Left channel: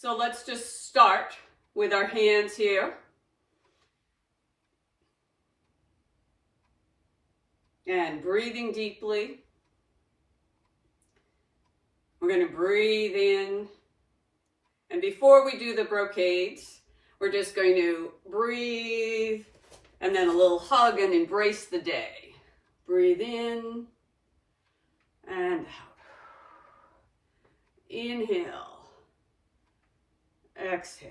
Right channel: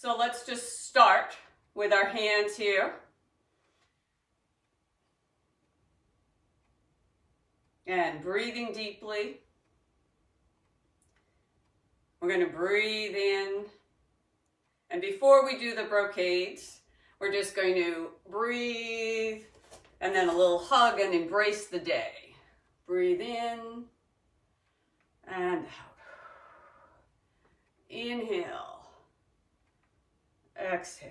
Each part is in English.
So let's just start with our hands here. And breathing deeply. We're going to breathe in. And before we do the brocades, we're just going to breathe and then a little hug and embrace the day. Breathe in and out. Inhale. Exhale.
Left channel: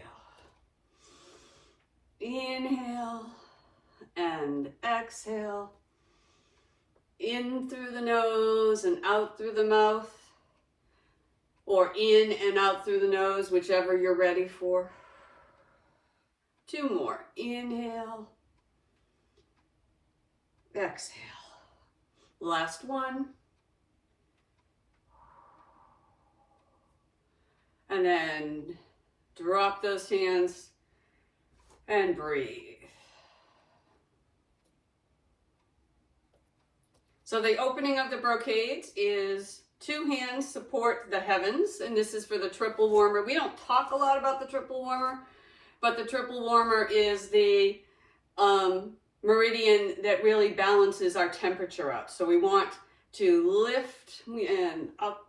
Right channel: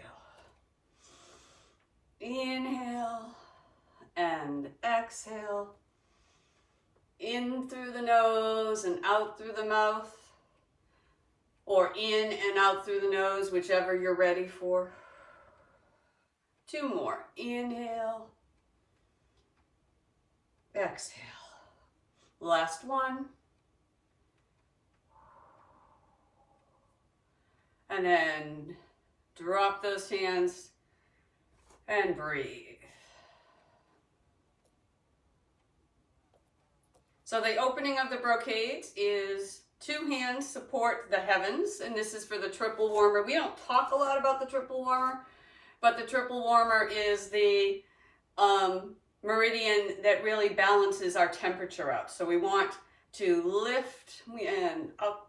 Inhale and exhale. In through the nose and out through the mouth, or in and out through the nose, whichever you're ready for. 2 more. Inhale. Exhale. Last one. And then drop those hands and breathe. So the opening of the brocades is 2 hands support the heavens, and this is for the triple warmer. We don't talk a lot about the triple warmer, but the triple warmer is the meridian that really balances our temperature out. So we want to lift and up.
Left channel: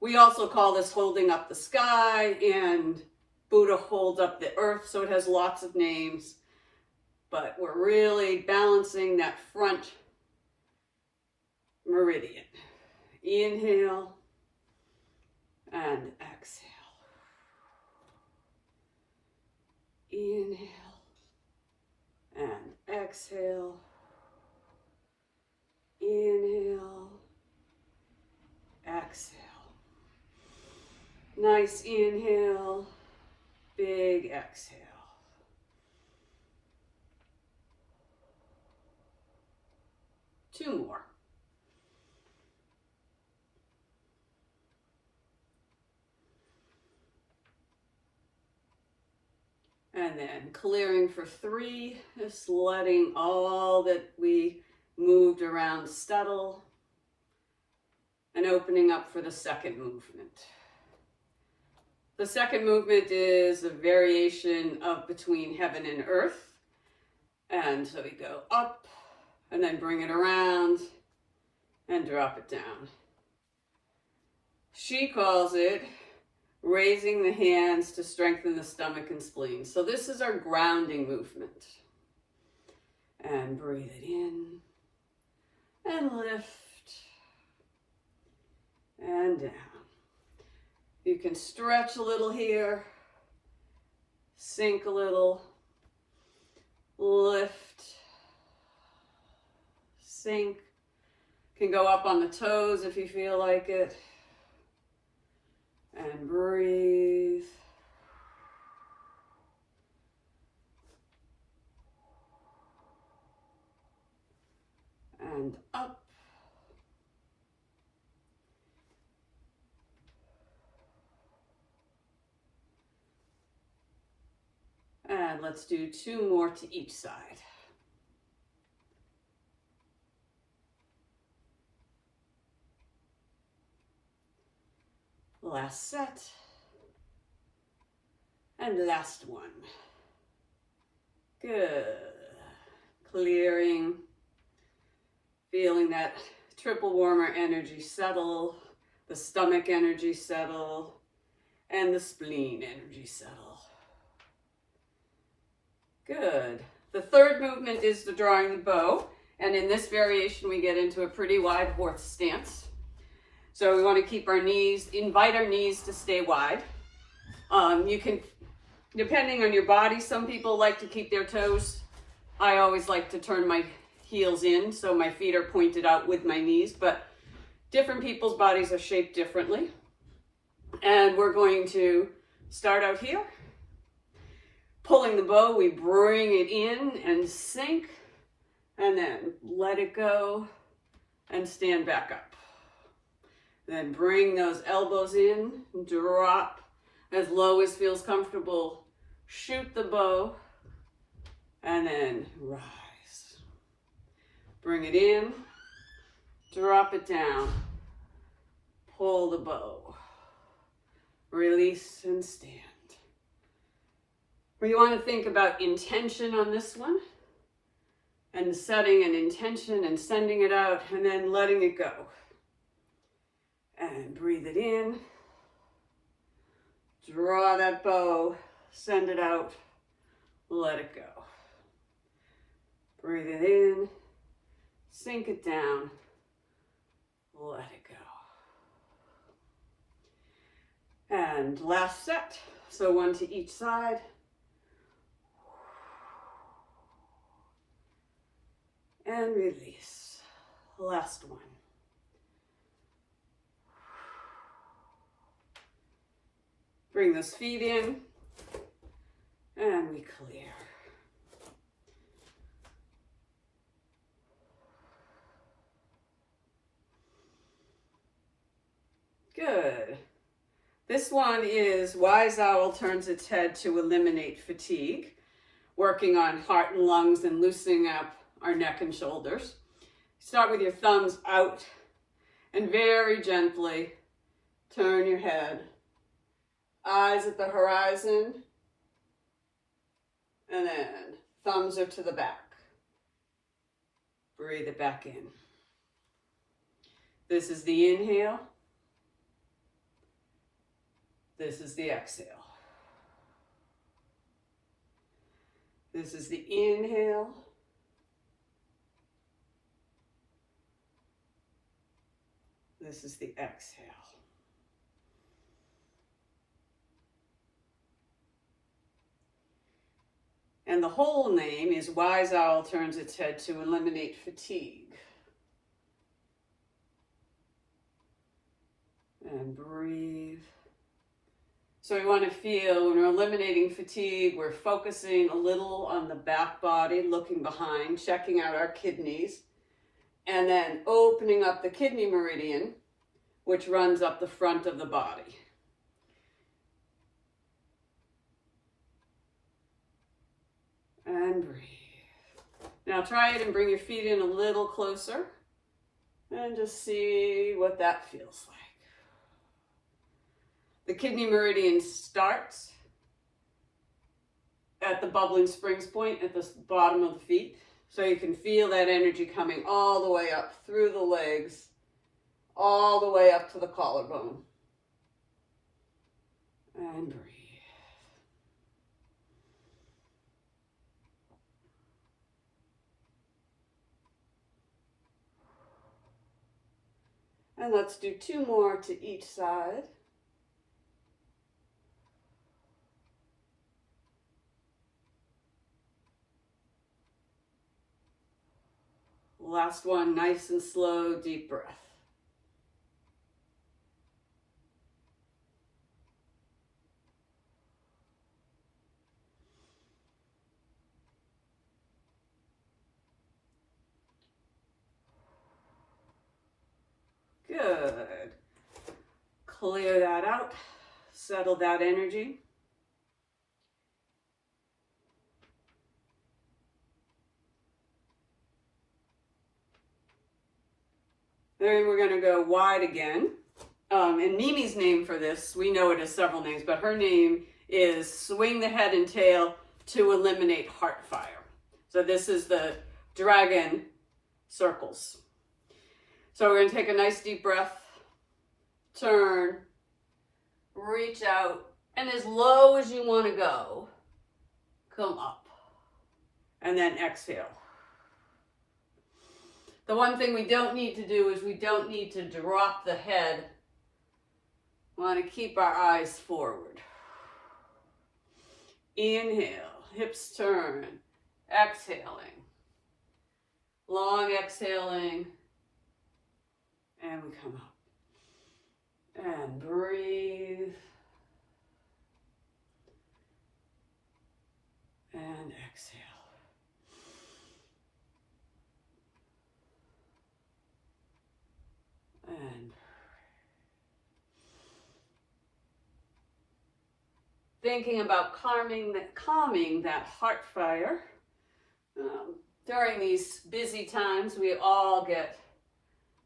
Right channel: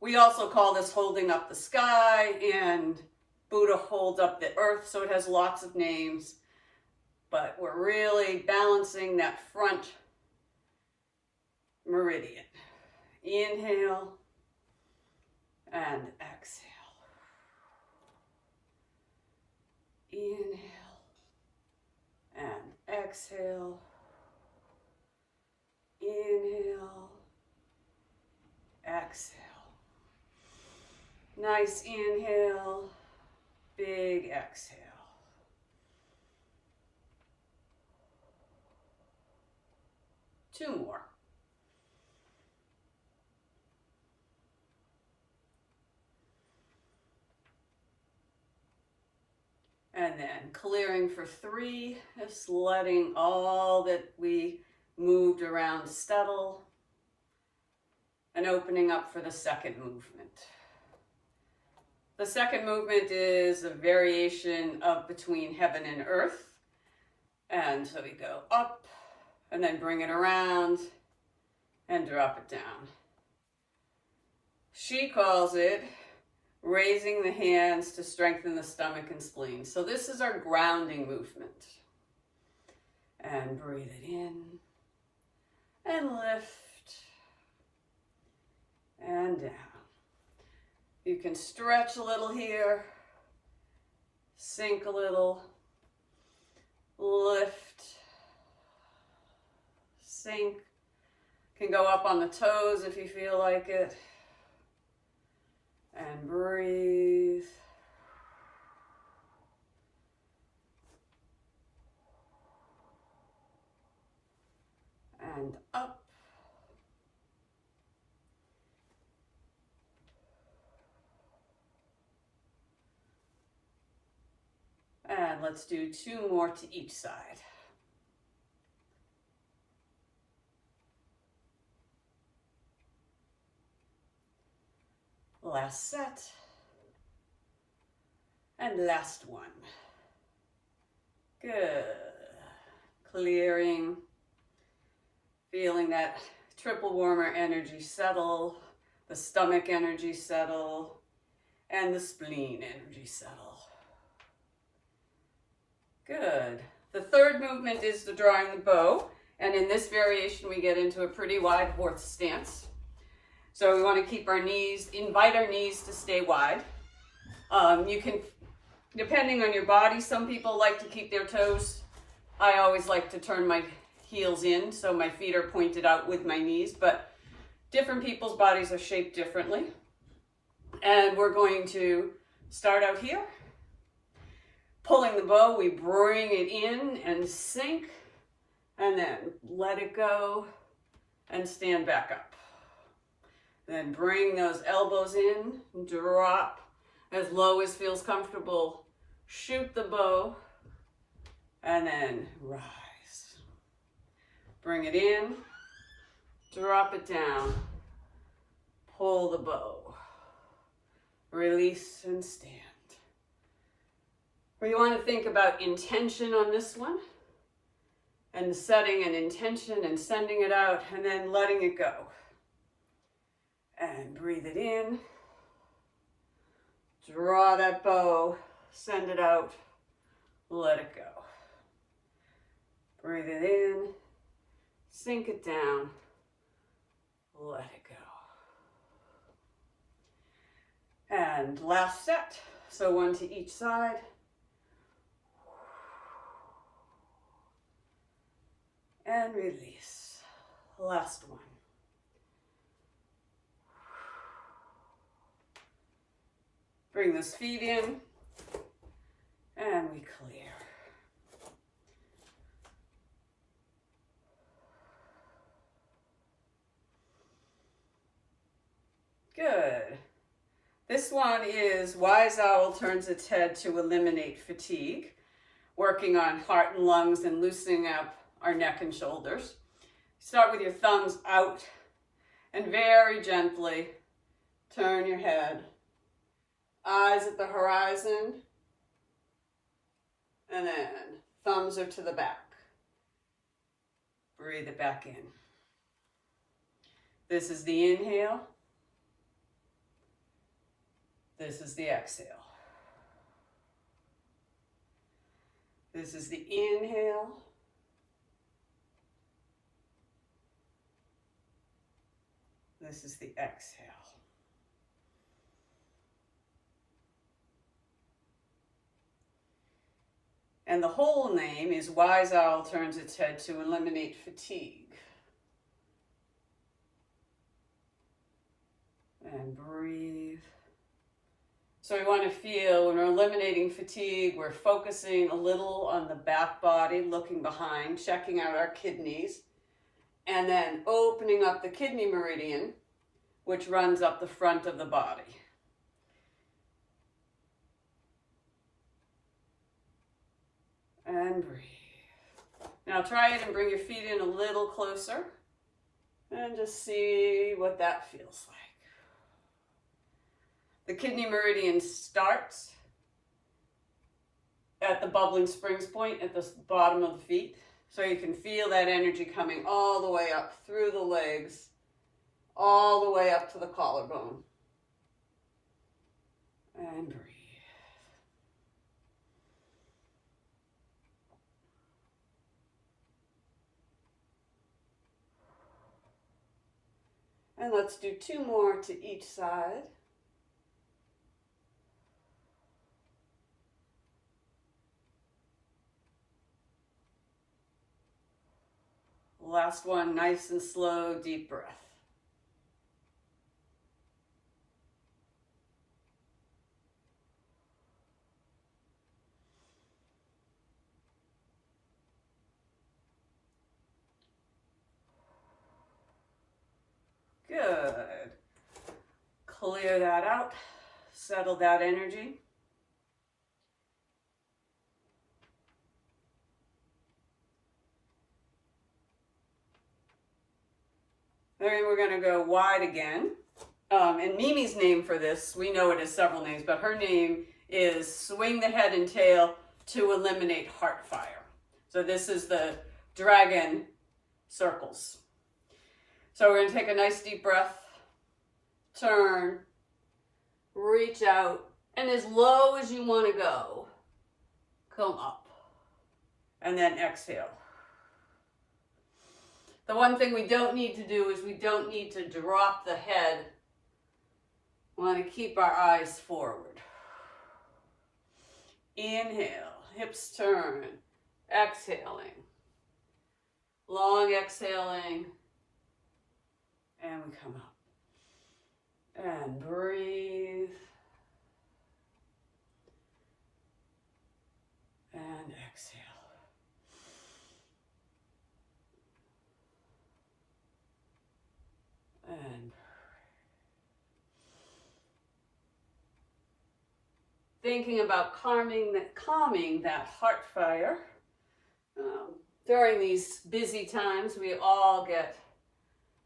We also call this holding up the sky, and Buddha holds up the earth, so it has lots of names. But we're really balancing that front meridian. Inhale and exhale. Inhale and exhale. Inhale, exhale. Nice inhale, big exhale. Two more. And then clearing for 3, just letting all that we moved around settle, and opening up for the second movement. The second movement is a variation of between heaven and earth. And so we go up and then bring it around and drop it down. She calls it raising the hands to strengthen the stomach and spleen. So this is our grounding movement. And breathe it in and lift and down. You can stretch a little here, sink a little, lift, sink. Can go up on the toes if you feel like it. And breathe. And up. And let's do 2 more to each side. Last set. And last one. Good. Clearing. Feeling that triple warmer energy settle, the stomach energy settle, and the spleen energy settle. Good. The third movement is the drawing the bow, and in this variation we get into a pretty wide horse stance. So we want to keep our knees, invite our knees to stay wide. You can, depending on your body, some people like to keep their toes. I always like to turn my heels in so my feet are pointed out with my knees, but different people's bodies are shaped differently. And we're going to start out here. Pulling the bow, we bring it in and sink, and then let it go and stand back up. Then bring those elbows in, drop as low as feels comfortable, shoot the bow, and then rise. Bring it in, drop it down, pull the bow, release, and stand. We want to think about intention on this one, and setting an intention and sending it out, and then letting it go. And breathe it in. Draw that bow, send it out, let it go. Breathe it in, sink it down, let it go. And last set, so one to each side. And release. Last one. Bring those feet in, and we clear. Good. This one is Wise Owl turns its head to eliminate fatigue, working on heart and lungs and loosening up our neck and shoulders. Start with your thumbs out and very gently turn your head. Eyes at the horizon, and then thumbs are to the back. Breathe it back in. This is the inhale. This is the exhale. This is the inhale. This is the exhale. And the whole name is Wise Owl turns its head to eliminate fatigue. And breathe. So we want to feel when we're eliminating fatigue, we're focusing a little on the back body, looking behind, checking out our kidneys, and then opening up the kidney meridian, which runs up the front of the body. And breathe. Now try it and bring your feet in a little closer and just see what that feels like. The kidney meridian starts at the bubbling springs point at the bottom of the feet. So you can feel that energy coming all the way up through the legs, all the way up to the collarbone. And breathe. And let's do 2 more to each side. Last one, nice and slow, deep breath. Good. Clear that out. Settle that energy. Then we're going to go wide again. And Mimi's name for this, we know it as several names, but her name is Swing the Head and Tail to Eliminate Heart Fire. So this is the dragon circles. So we're going to take a nice deep breath, turn, reach out, and as low as you want to go, come up. And then exhale. The one thing we don't need to do is we don't need to drop the head. We want to keep our eyes forward. Inhale, hips turn, exhaling. Long exhaling. And we come up. And breathe. And exhale. And thinking about calming that heart fire. During these busy times, we all get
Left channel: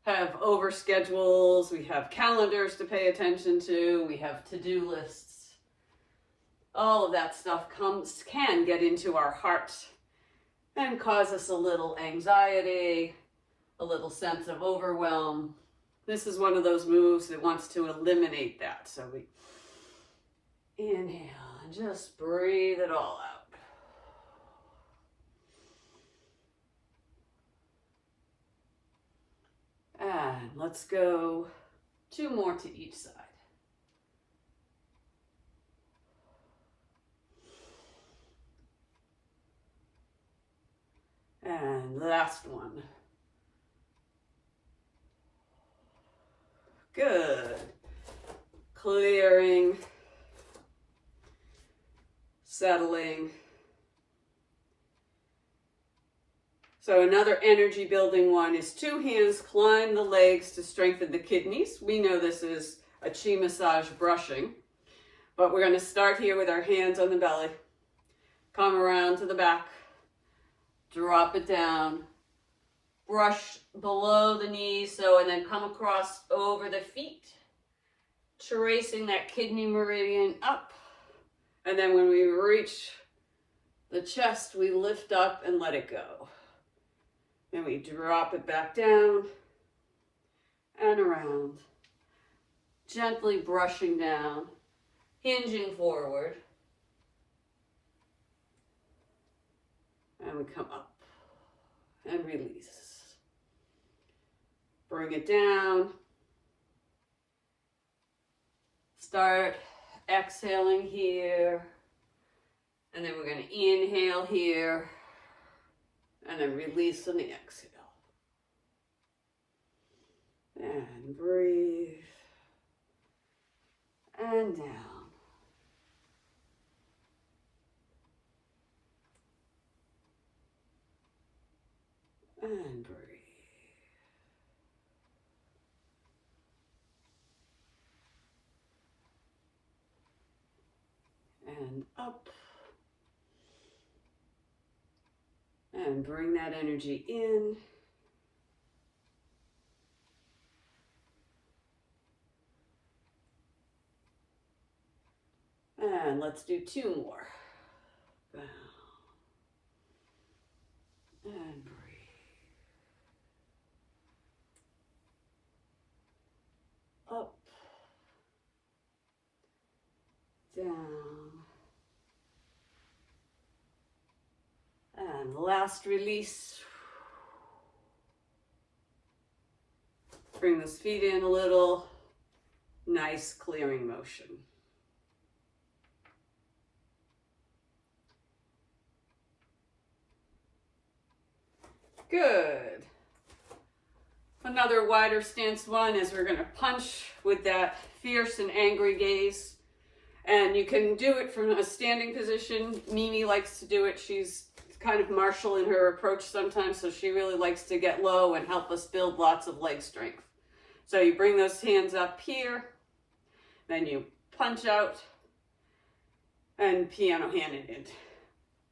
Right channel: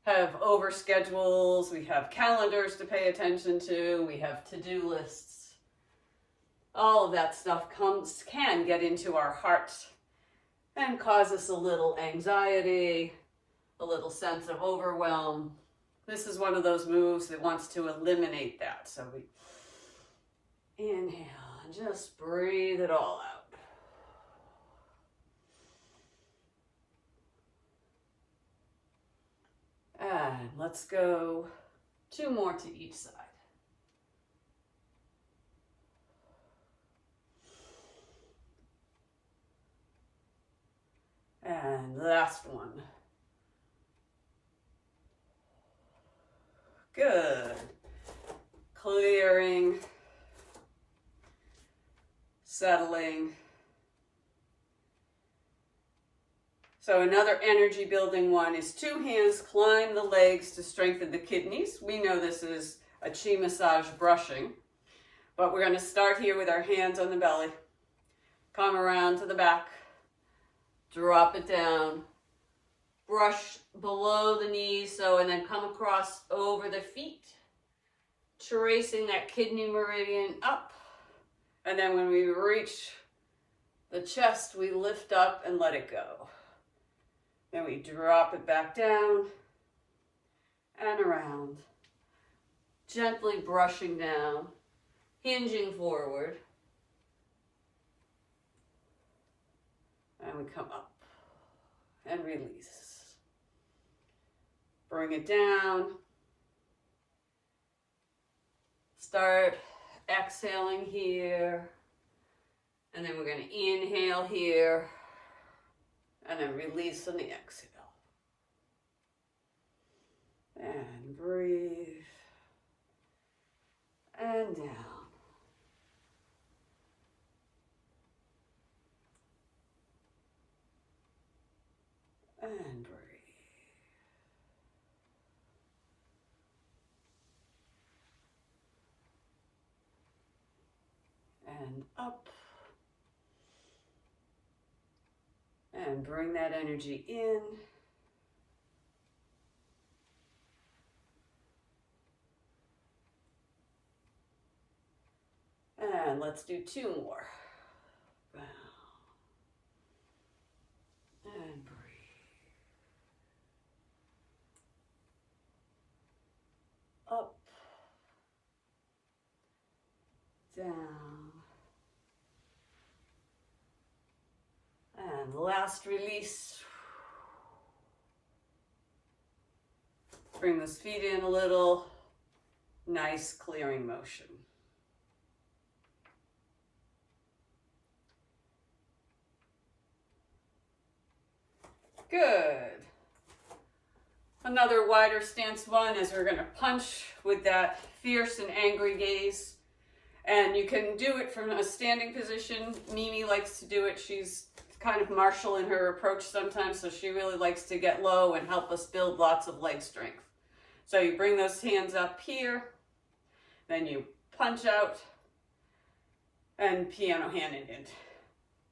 have over schedules, we have calendars to pay attention to, we have to-do lists. All of that stuff can get into our heart and cause us a little anxiety, a little sense of overwhelm. This is one of those moves that wants to eliminate that. So we inhale and just breathe it all out. And let's go 2 more to each side. And last one. Good. Clearing, settling. So another energy building one is 2 hands climb the legs to strengthen the kidneys. We know this is a chi massage brushing, but we're going to start here with our hands on the belly. Come around to the back, drop it down, brush below the knees, and then come across over the feet, tracing that kidney meridian up. And then when we reach the chest, we lift up and let it go. Then we drop it back down and around, gently brushing down, hinging forward. And we come up and release. Bring it down. Start exhaling here. And then we're going to inhale here. And then release on the exhale. And breathe. And down. And breathe. And up. And bring that energy in. And let's do 2 more. Down. And breathe. Up. Down. And last release. Bring those feet in a little. Nice clearing motion. Good. Another wider stance one is we're going to punch with that fierce and angry gaze. And you can do it from a standing position. Mimi likes to do it. She's kind of martial in her approach sometimes, so she really likes to get low and help us build lots of leg strength. So you bring those hands up here, then you punch out and piano hand it in.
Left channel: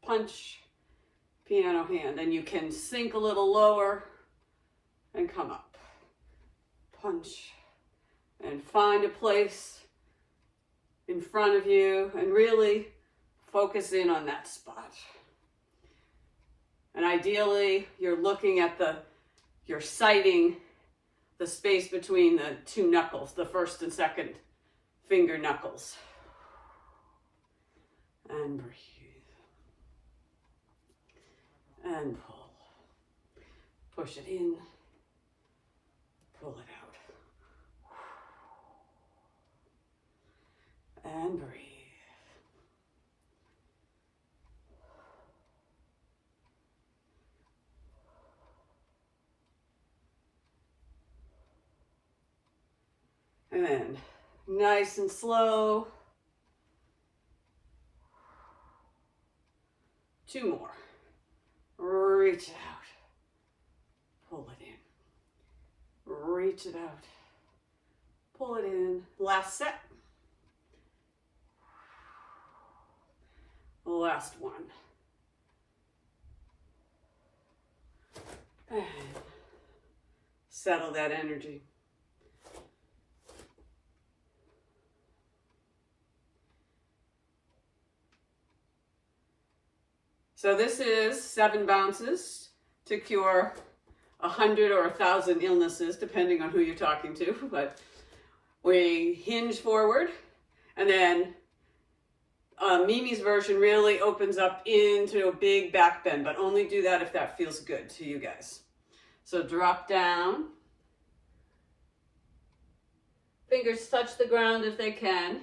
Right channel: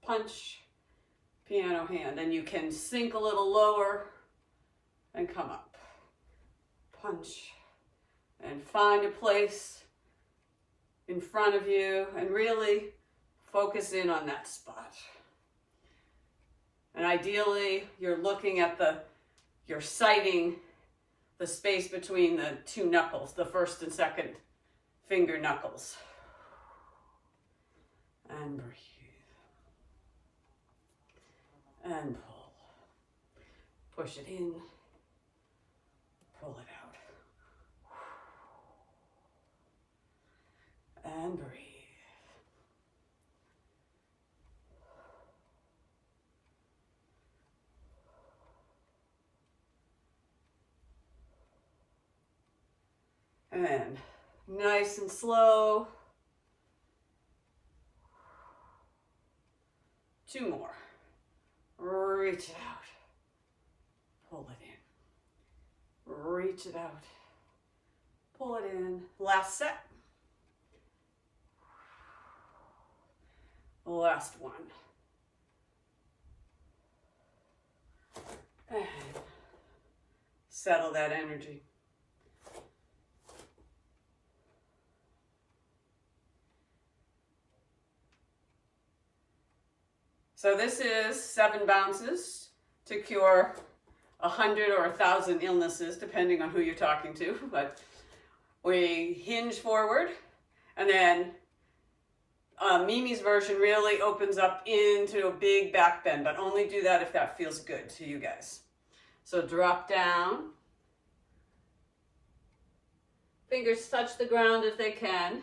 Punch, piano hand, and you can sink a little lower and come up. Punch and find a place in front of you and really focus in on that spot. And ideally, you're looking at you're sighting the space between the 2 knuckles, the first and second finger knuckles. And breathe. And pull. Push it in. Pull it out. And breathe. And nice and slow. 2 more. Reach it out. Pull it in. Reach it out. Pull it in. Last set. Last one. settle that energy. So this is 7 bounces to cure 100 or 1,000 illnesses, depending on who you're talking to. But we hinge forward, and then Mimi's version really opens up into a big back bend, but only do that if that feels good to you guys. So drop down. Fingers touch the ground if they can.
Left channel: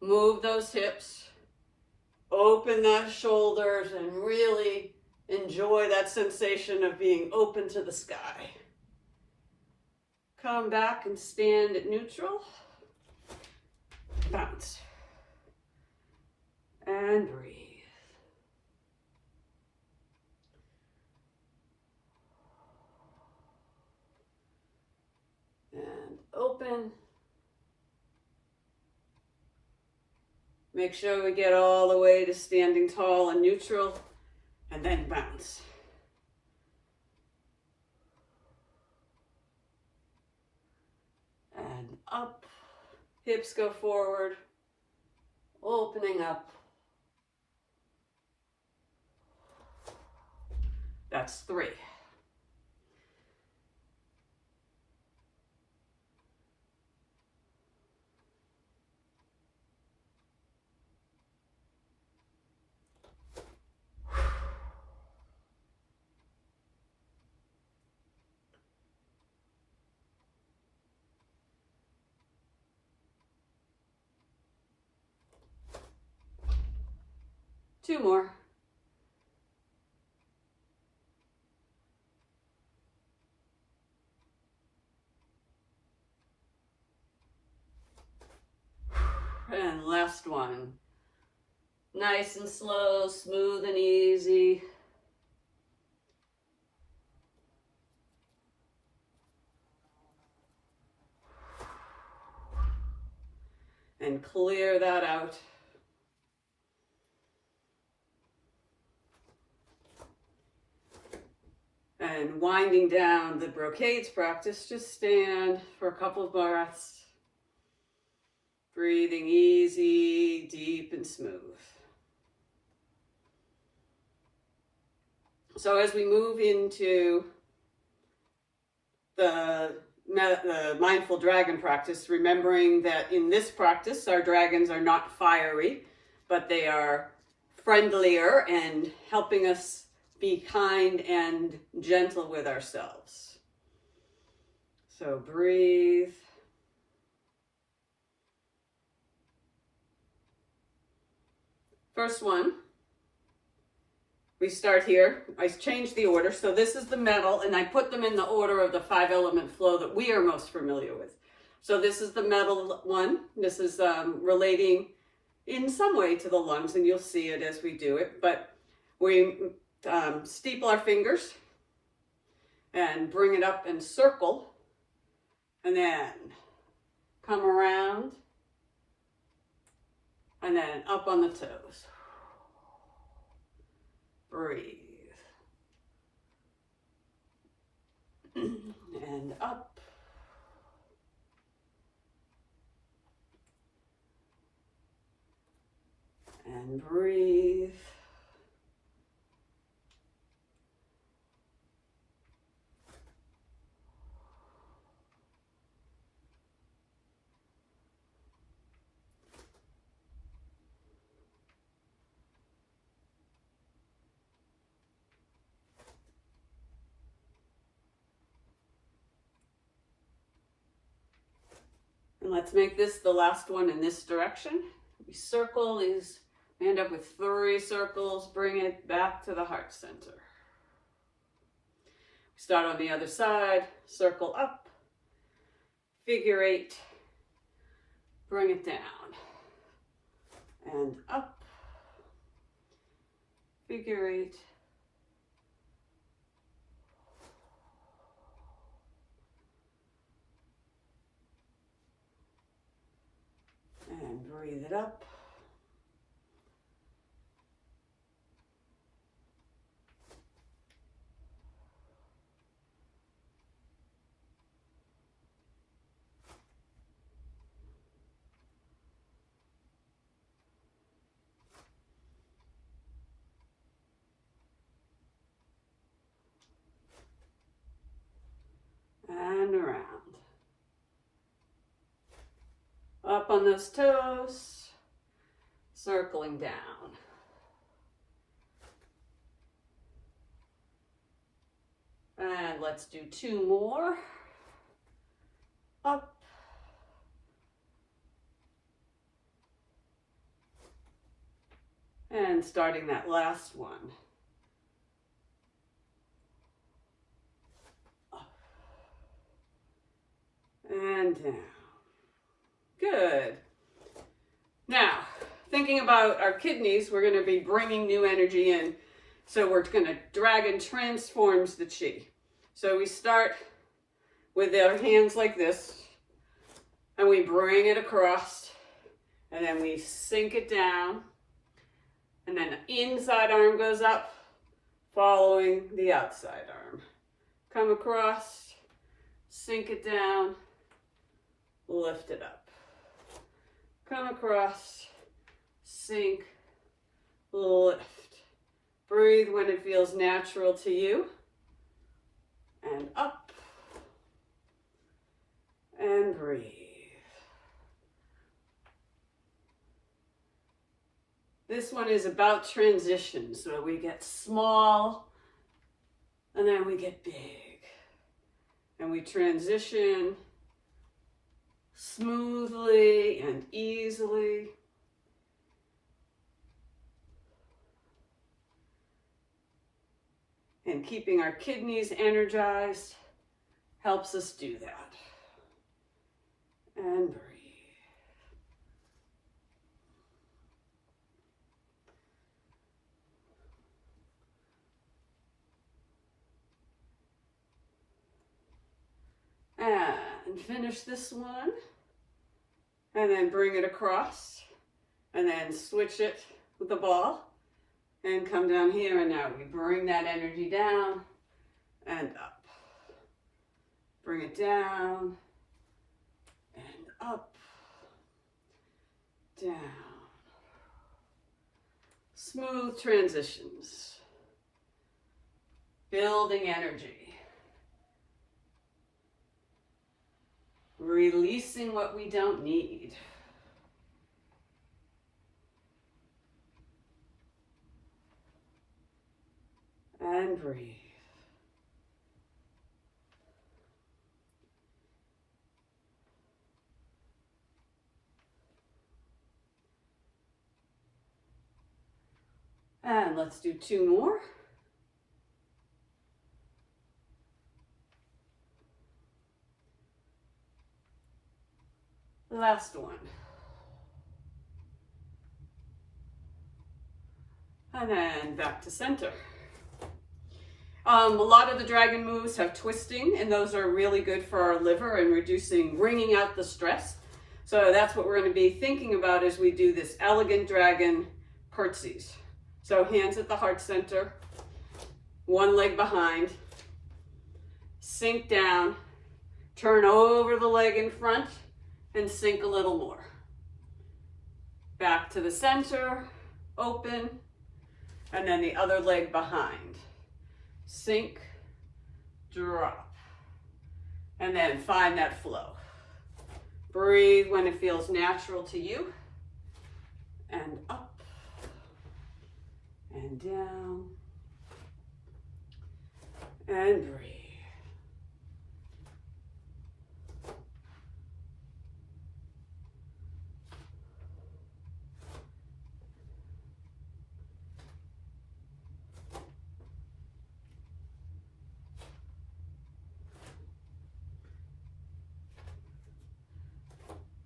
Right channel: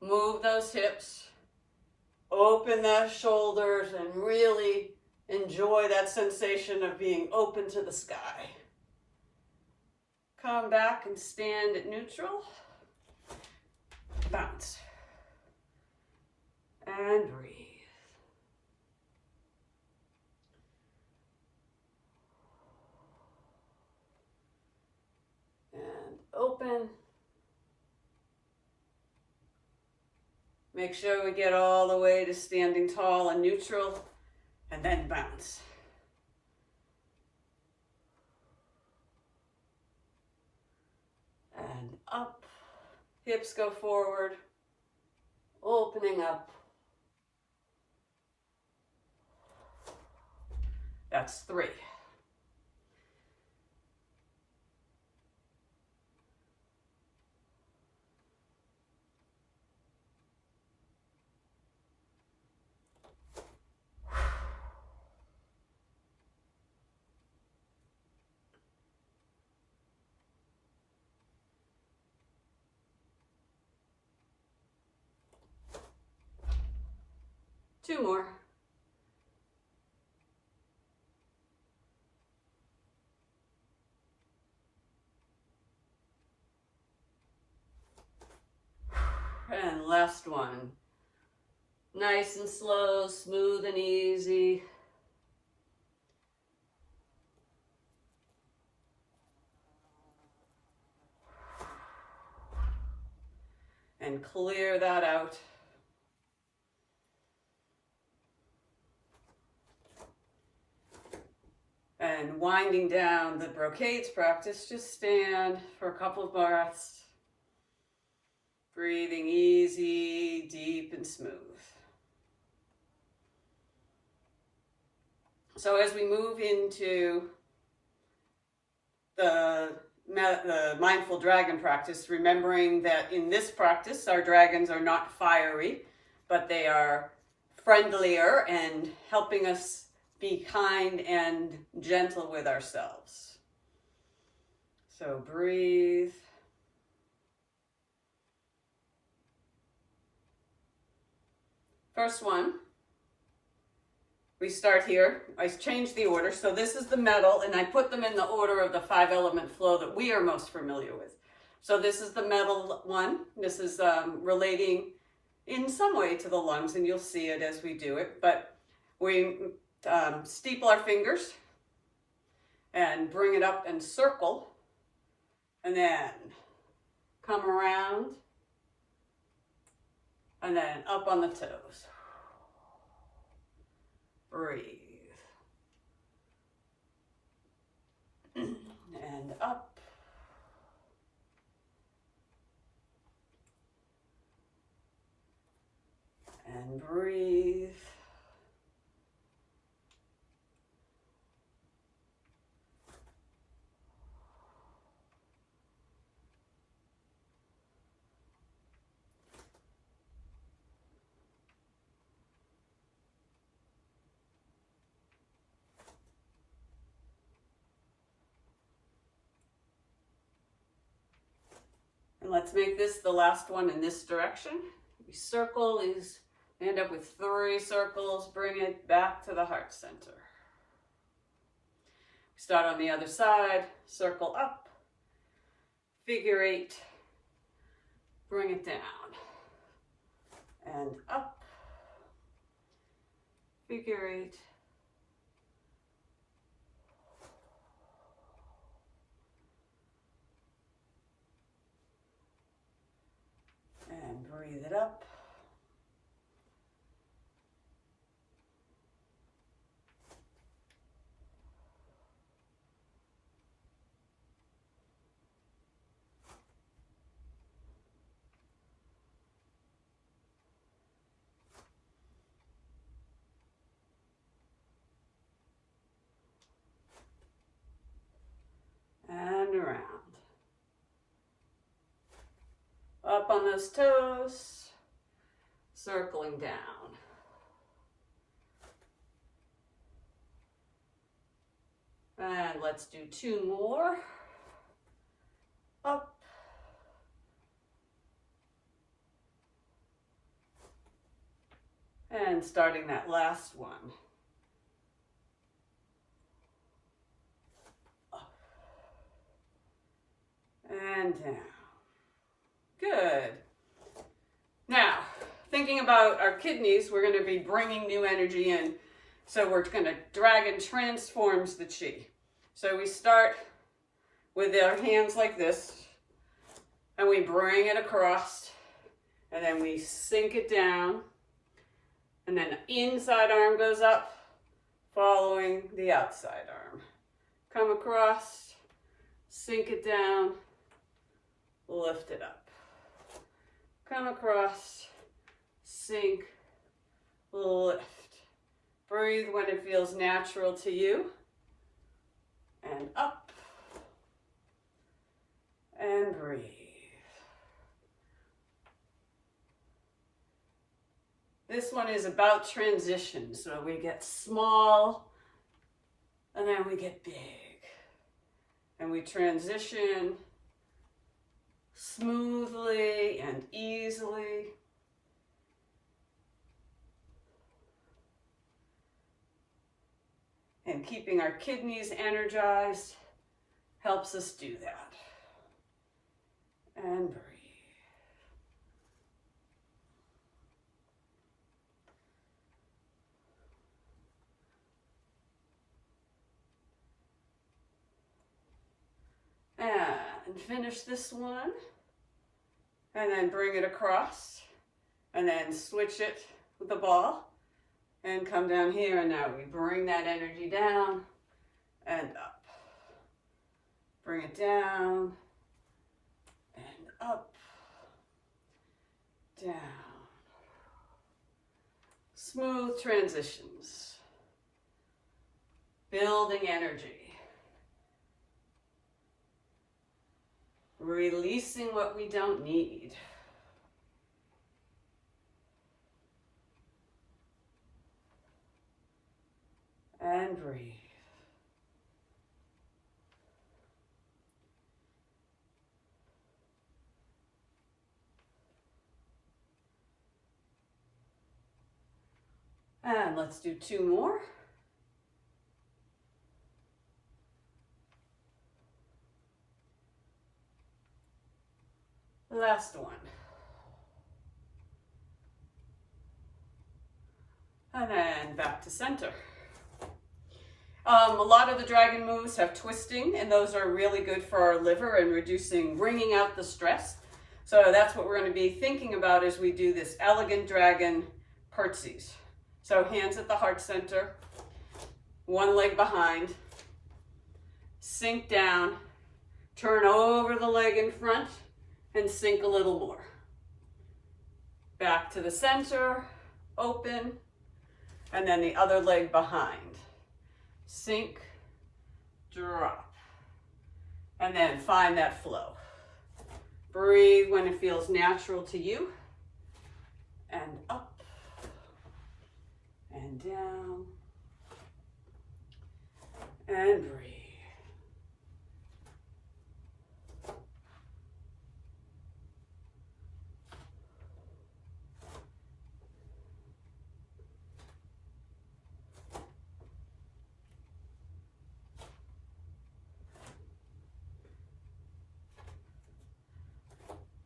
Move those hips. Open the shoulders and really enjoy that sensation of being open to the sky. Come back and stand at neutral. Bounce. And breathe. And open. Make sure we get all the way to standing tall and neutral, and then bounce. And up. Hips go forward, opening up. That's 3. Two more. And last one. Nice and slow, smooth and easy. And clear that out. And winding down the brocades practice, just stand for a couple of breaths. Breathing easy, deep, and smooth. So as we move into the mindful dragon practice, remembering that in this practice, our dragons are not fiery, but they are friendlier and helping us be kind and gentle with ourselves. So breathe. First one, we start here. I changed the order. So this is the metal, and I put them in the order of the 5-element flow that we are most familiar with. So this is the metal one. This is relating in some way to the lungs, and you'll see it as we do it. But we steeple our fingers and bring it up and circle, and then come around and then up on the toes. Breathe. And up. And breathe. And let's make this the last one in this direction. We circle these, end up with 3 circles, bring it back to the heart center. Start on the other side, circle up, figure 8, bring it down, and up, figure 8, and breathe it up. Up on those toes, circling down. And let's do 2 more. Up. And starting that last one. Up. And down. Good. Now, thinking about our kidneys, we're going to be bringing new energy in. So we're going to dragon transforms the chi. So we start with our hands like this, and we bring it across, and then we sink it down, and then the inside arm goes up, following the outside arm. Come across, sink it down, lift it up. Come across, sink, lift. Breathe when it feels natural to you. And up. And breathe. This one is about transition. So we get small, and then we get big. And we transition smoothly and easily. And keeping our kidneys energized helps us do that. And breathe. And finish this one. And then bring it across. And then switch it with the ball. And come down here, and now we bring that energy down and up. Bring it down and up, down. Smooth transitions. Building energy. Releasing what we don't need. And breathe. And let's do 2 more. Last one. And then back to center. A lot of the dragon moves have twisting, and those are really good for our liver and wringing out the stress. So that's what we're going to be thinking about as we do this elegant dragon curtsies. So hands at the heart center, one leg behind, sink down, turn over the leg in front, and sink a little more. Back to the center, open, and then the other leg behind. Sink, drop, and then find that flow. Breathe when it feels natural to you, and up, and down, and breathe.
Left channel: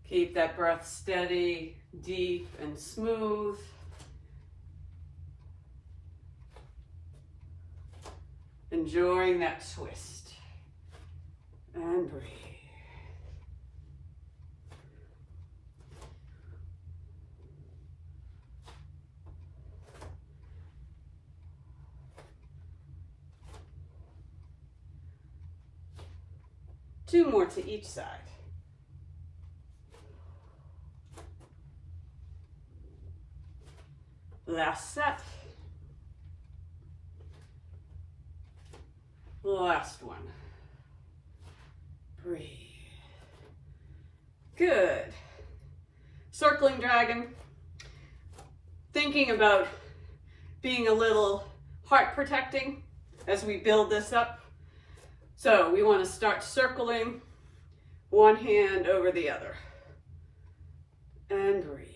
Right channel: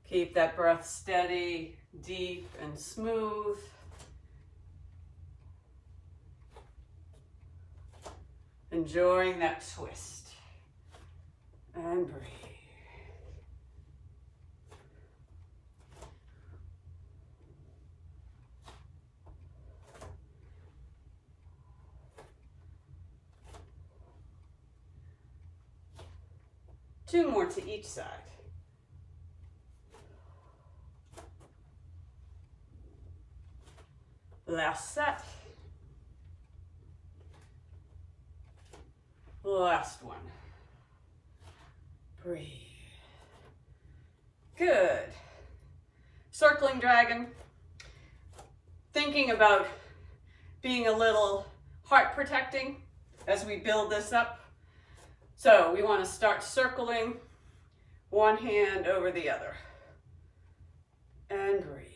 Keep that breath steady, deep, and smooth. Enjoying that twist. And breathe. Two more to each side. Last set. Last one. Breathe. Good. circling dragon, thinking about being a little heart protecting as we build this up. So we want to start circling one hand over the other. And breathe.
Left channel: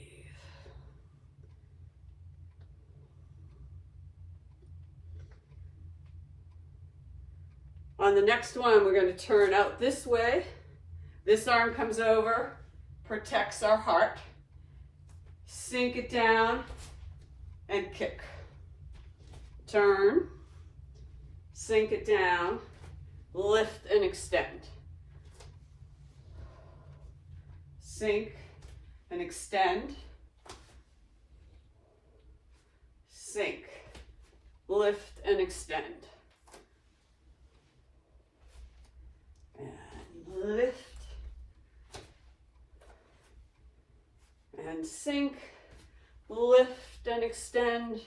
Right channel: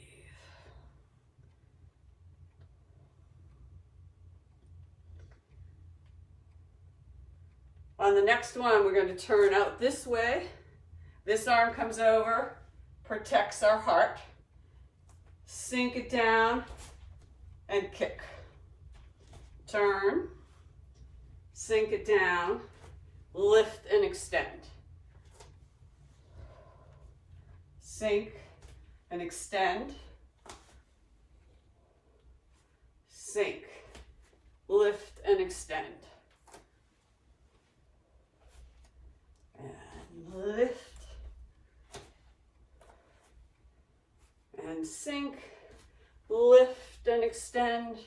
On the next one, we're going to turn out this way. This arm comes over, protects our heart. Sink it down and kick. Turn, sink it down, lift and extend. Sink and extend. Sink, lift and extend. And lift. And sink, lift and extend.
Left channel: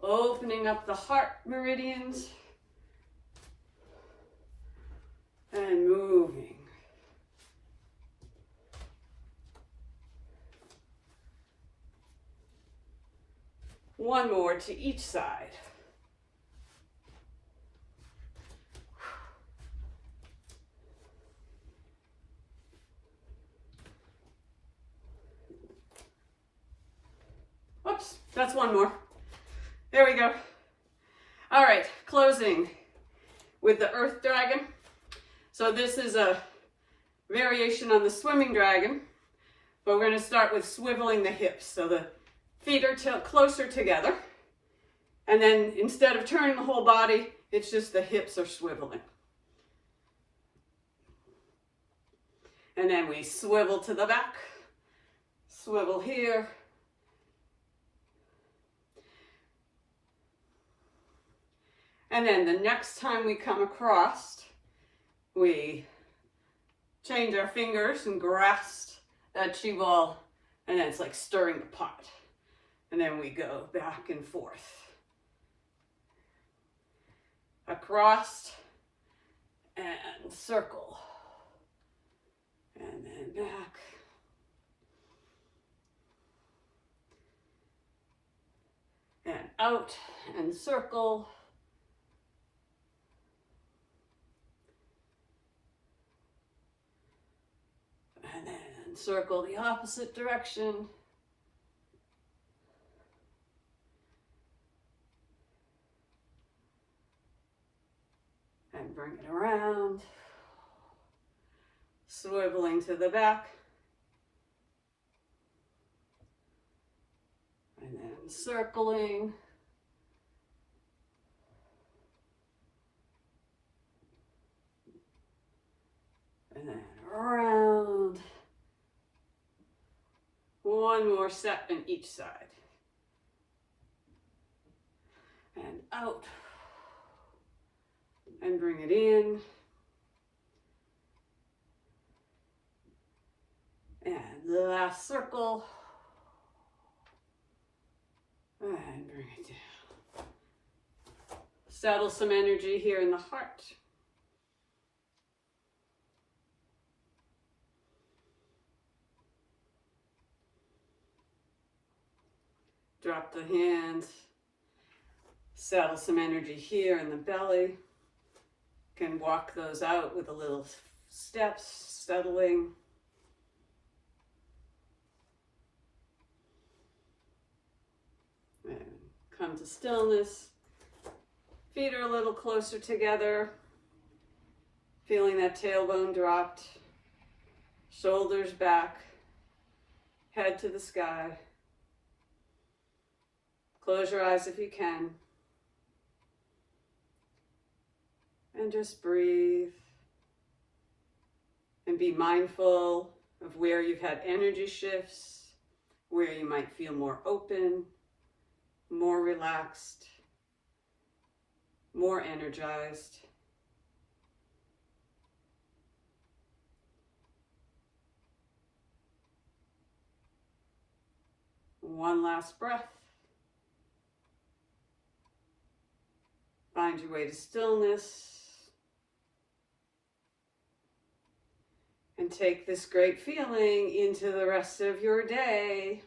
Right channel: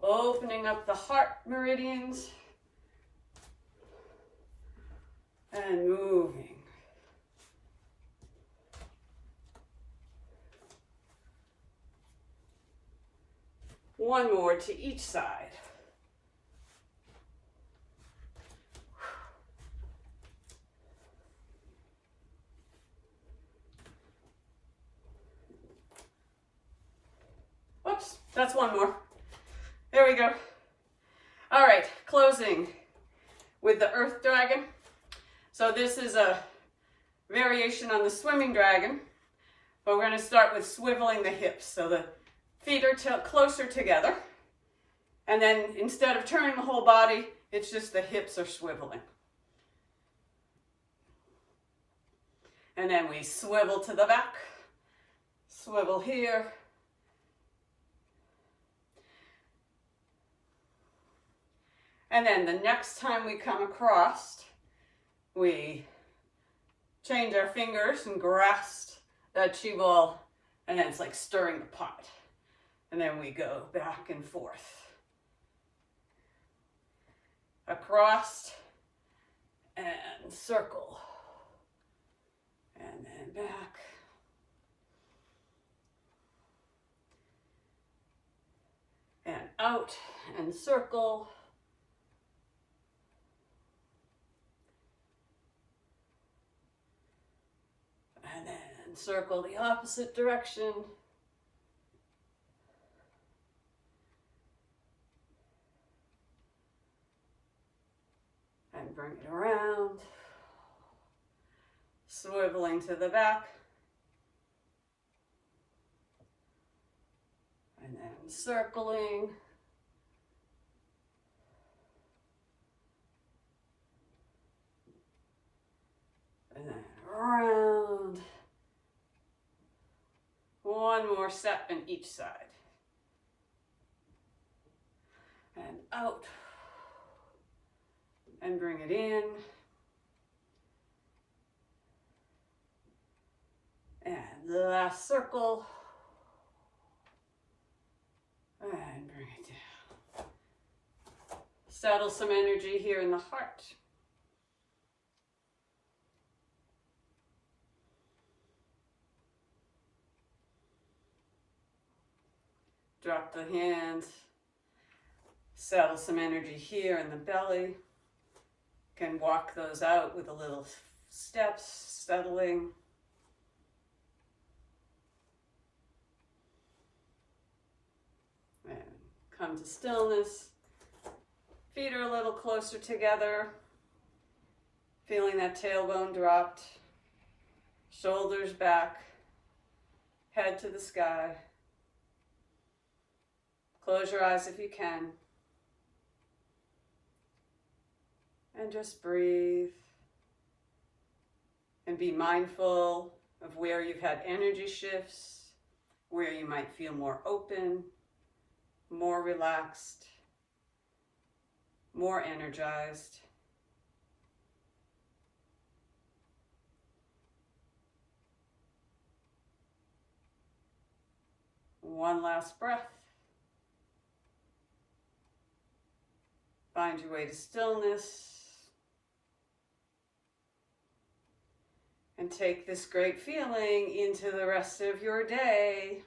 Opening up the heart meridians and moving. One more to each side. Whoops, that's one more. There we go. All right, closing with the earth dragon. So this is a variation on the swimming dragon, but we're going to start with swiveling the hips. So the feet are closer together, and then instead of turning the whole body, it's just the hips are swiveling. And then we swivel to the back, swivel here. And then the next time we come across, we change our fingers and grasp that chi ball, and then it's like stirring the pot. And then we go back and forth. Across and circle. And then back. And out and circle. And then circle the opposite direction. And bring it around. Swiveling to the back. And then circling. And then around. One more set on each side. And out. And bring it in. And the last circle. And bring it down. Settle some energy here in the heart. Drop the hands. Settle some energy here in the belly. Can walk those out with a little steps, settling. And come to stillness. Feet are a little closer together. Feeling that tailbone dropped. Shoulders back. Head to the sky. Close your eyes if you can. And just breathe. And be mindful of where you've had energy shifts, where you might feel more open, more relaxed, more energized. One last breath. Find your way to stillness. And take this great feeling into the rest of your day.